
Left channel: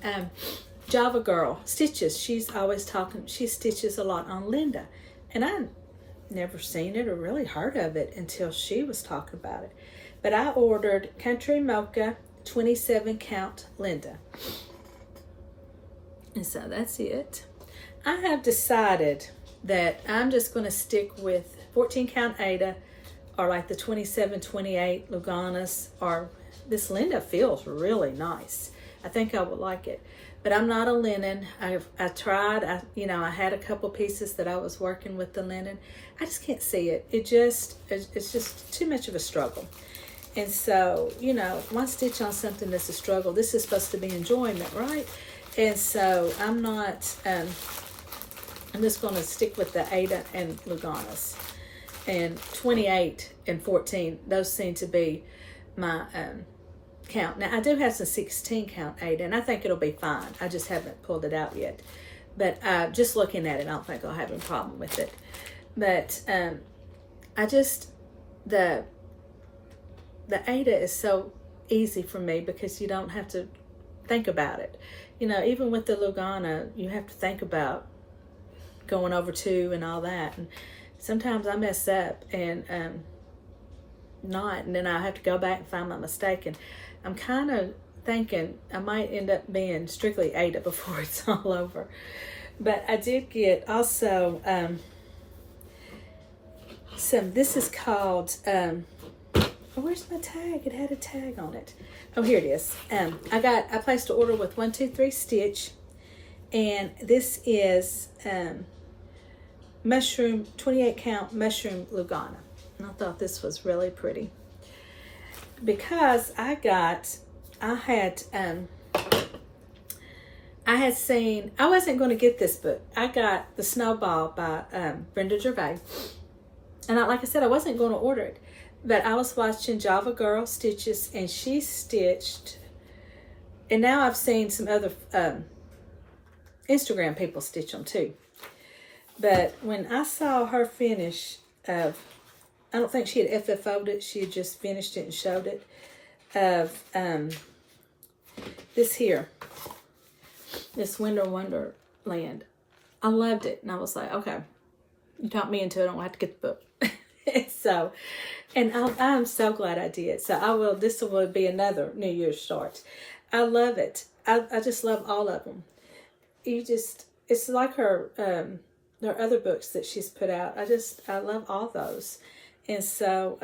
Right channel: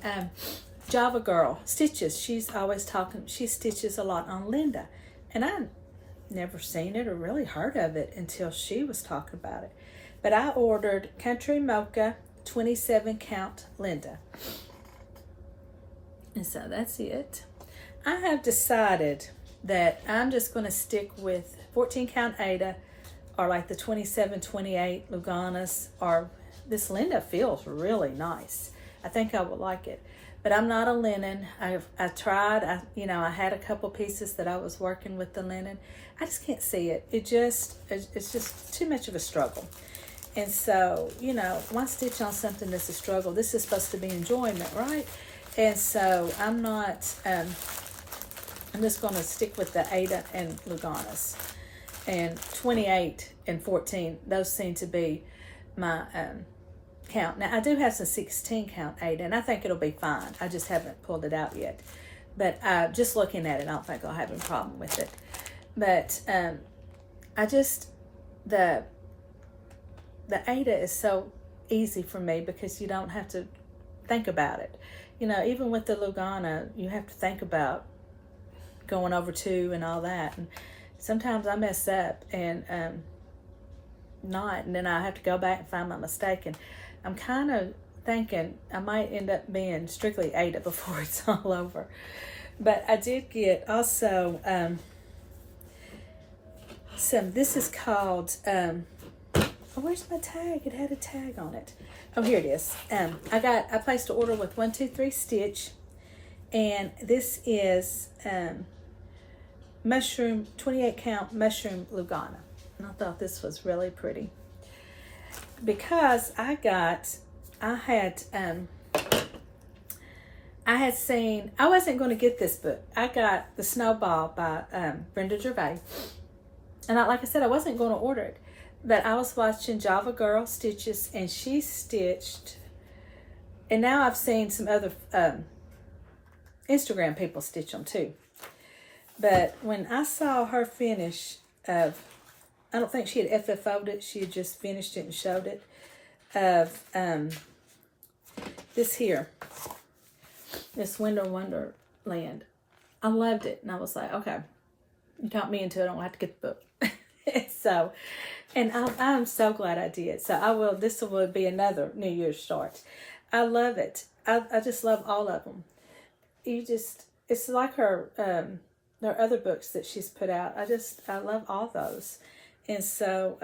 Java Girl Stitches. She's always talking. She stitches a lot on Linda. And I never seen it or really heard of it until she was talking about it. But I ordered Country Mocha 27 count Linda. And so that's it. I have decided that I'm just going to stick with 14 count Ada or like the 27, 28 Luganas, or this Linda feels really nice. I think I would like it. But I'm not a linen. I tried. I had a couple pieces that I was working with the linen. I just can't see it. It's just too much of a struggle. And so, one stitch on something that's a struggle. This is supposed to be enjoyment, right? And so I'm not. I'm just going to stick with the Ada and Luganas. And 28 and 14, those seem to be my count. Now, I do have some 16 count Ada, and I think it'll be fine. I just haven't pulled it out yet. But just looking at it, I don't think I'll have any problem with it. But the Ada is so easy for me because you don't have to think about it. Even with the Lugana, you have to think about going over 2 and all that. And sometimes I mess up and and then I have to go back and find my mistake. And I'm kind of thinking I might end up being strictly Ada before it's all over. But I did get also this is called, where's my tag? It had a tag on it. Oh, here it is. I placed an order with 123 Stitch, and this is mushroom, 28 count mushroom Lugana. And I thought this was really pretty because I had I had seen, I wasn't going to get this book. I got The Snowball by Brenda Gervais. And like I said, I wasn't going to order it. But I was watching Java Girl Stitches, and she stitched. And now I've seen some other Instagram people stitch them too. But when I saw her finish of, I don't think she had FFO'd it. She had just finished it and showed it. Of this here. This Winter Wonderland. I loved it. And I was like, okay, you talked me into it. I don't have to get the book. So, and I'm so glad I did. So this will be another New Year's start. I love it. I just love all of them. It's like her other books that she's put out. I love all those. And so,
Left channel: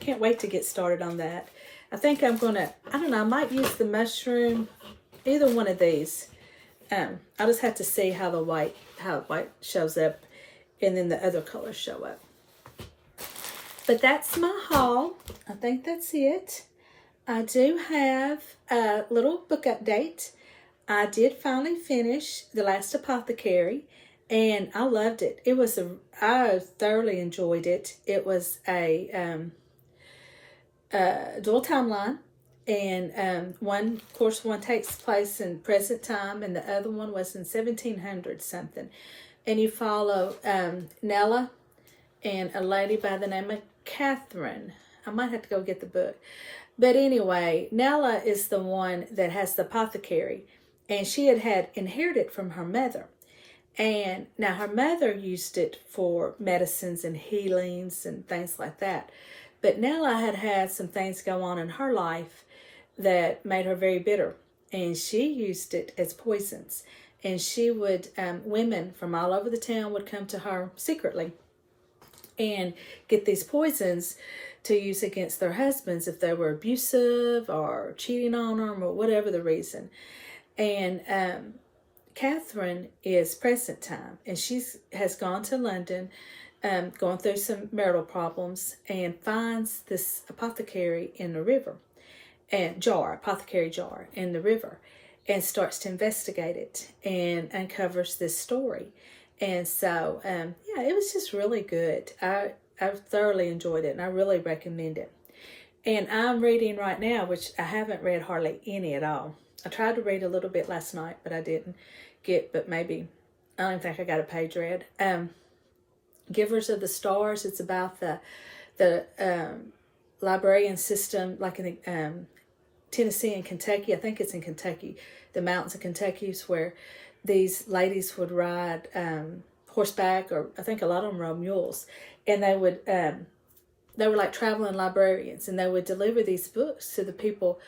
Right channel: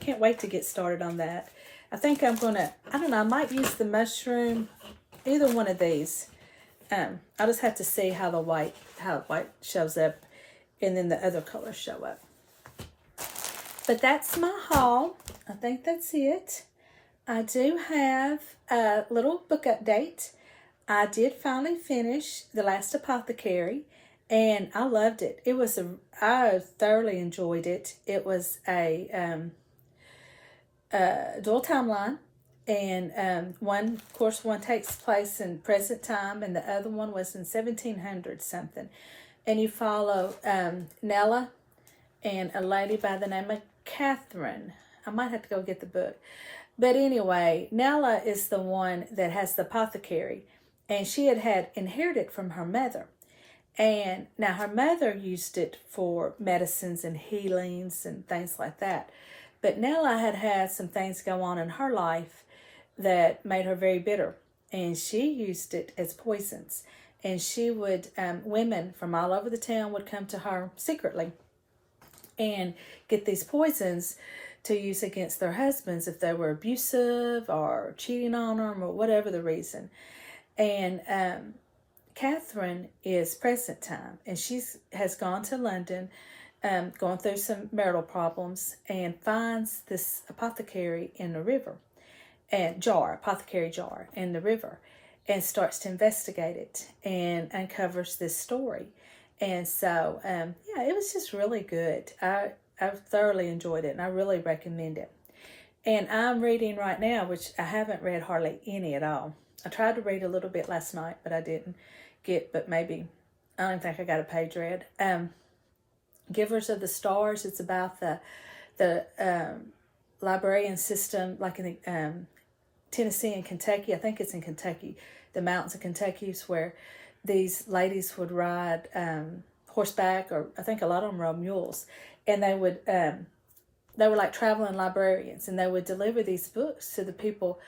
can't wait to get started on that. I think I'm going to, I don't know, I might use the mushroom, either one of these. I'll just have to see how white shows up, and then the other colors show up. But that's my haul. I think that's it. I do have a little book update. I did finally finish The Last Apothecary, and I loved it. I thoroughly enjoyed it. It was a dual timeline. And one takes place in present time, and the other one was in 1700 something. And you follow Nella and a lady by the name of Catherine. I might have to go get the book. But anyway, Nella is the one that has the apothecary, and she had inherited from her mother. And now her mother used it for medicines and healings and things like that. But Nella had some things go on in her life that made her very bitter, and she used it as poisons. And she would, women from all over the town would come to her secretly and get these poisons to use against their husbands if they were abusive or cheating on them or whatever the reason. And Catherine is present time, and she has gone to London, going through some marital problems, and finds this apothecary in the river. Apothecary jar in the river, and starts to investigate it and uncovers this story. And so, it was just really good. I thoroughly enjoyed it, and I really recommend it. And I'm reading right now, which I haven't read hardly any at all. I tried to read a little bit last night, but I didn't but maybe, I don't think I got a page read. Givers of the Stars. It's about the librarian system, like in the Tennessee and Kentucky. I think it's in Kentucky, the mountains of Kentucky, is where these ladies would ride horseback, or I think a lot of them rode mules, and they were like traveling librarians, and they would deliver these books to the people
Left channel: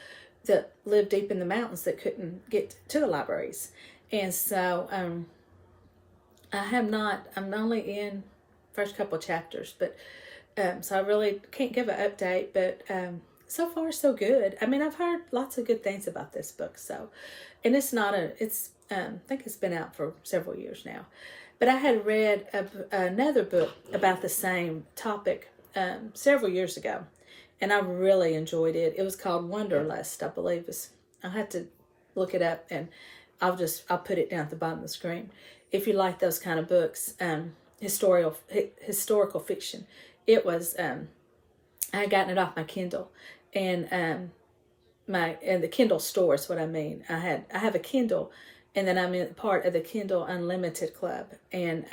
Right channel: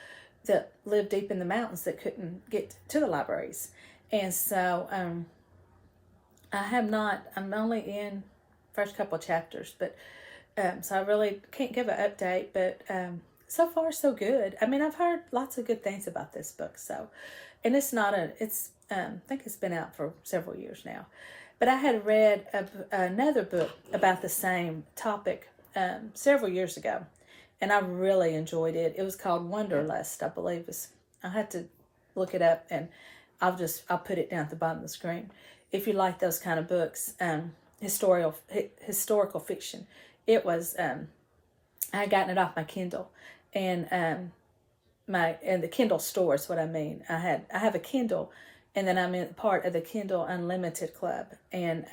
that lived deep in the mountains that couldn't get to the libraries. And so I'm only in first couple chapters, but so I really can't give an update, but so far so good. I mean, I've heard lots of good things about this book. So, and I think it's been out for several years now. But I had read another book about the same topic several years ago, and I really enjoyed it. It was called Wanderlust, I believe. I had to look it up, and I'll put it down at the bottom of the screen. If you like those kind of books, historical fiction. It was, I had gotten it off my Kindle, and the Kindle store is what I mean. I have a Kindle, and then I'm in part of the Kindle Unlimited Club, and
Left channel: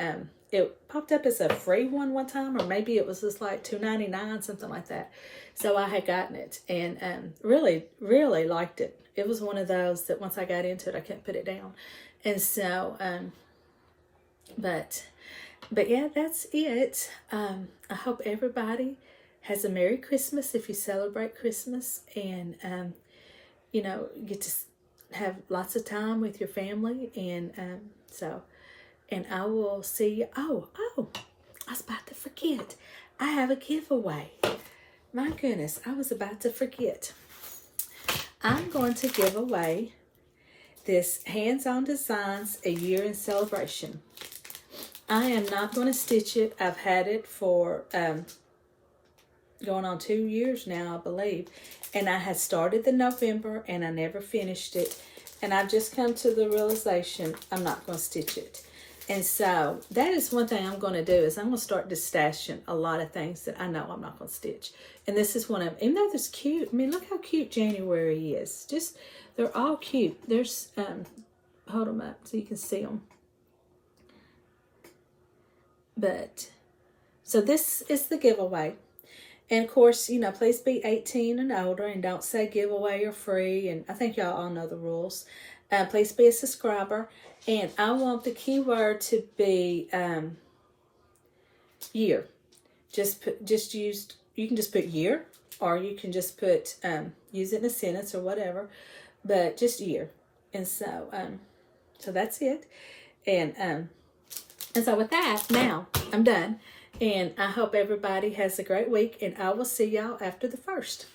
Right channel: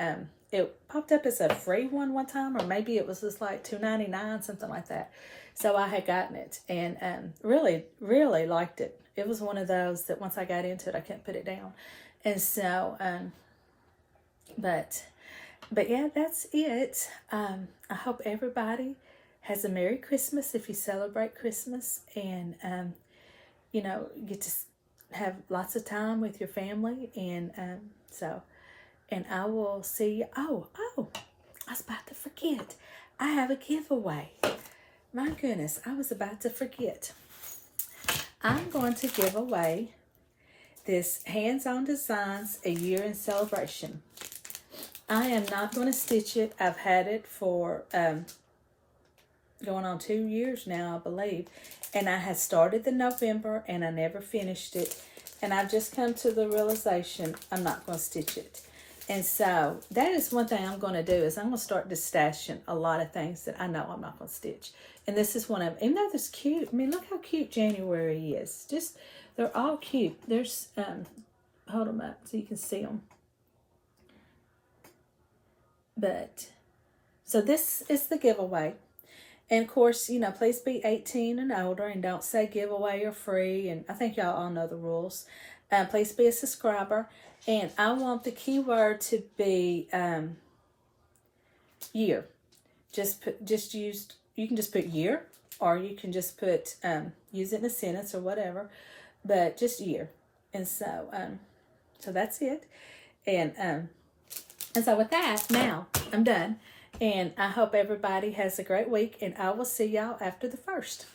it popped up as a free one time, or maybe it was just like $2.99, something like that. So I had gotten it, and really, really liked it. It was one of those that once I got into it, I couldn't put it down. And so, but yeah, that's it. I hope everybody has a Merry Christmas if you celebrate Christmas, and get to have lots of time with your family, and I will see you. Oh, I was about to forget. I have a giveaway. My goodness, I was about to forget. I'm going to give away this Hands-On Designs A Year in Celebration. I am not going to stitch it. I've had it for, going on 2 years now, I believe. And I had started the November and I never finished it. And I've just come to the realization I'm not going to stitch it. And so that is one thing I'm going to do is I'm going to start stashing a lot of things that I know I'm not going to stitch. And this is one of them. Even though this cute, I mean, look how cute January is. Just, they're all cute. There's, hold them up so you can see them. But, so this is the giveaway. And of course, you know, please be 18 and older and don't say giveaway or free. And I think y'all all know the rules. Please be a subscriber. And I want the keyword to be year. You can just put year, or you can just put, use it in a sentence or whatever, but just year. And so, so that's it. And so with that, now I'm done. And I hope everybody has a great week, and I will see y'all after the 1st.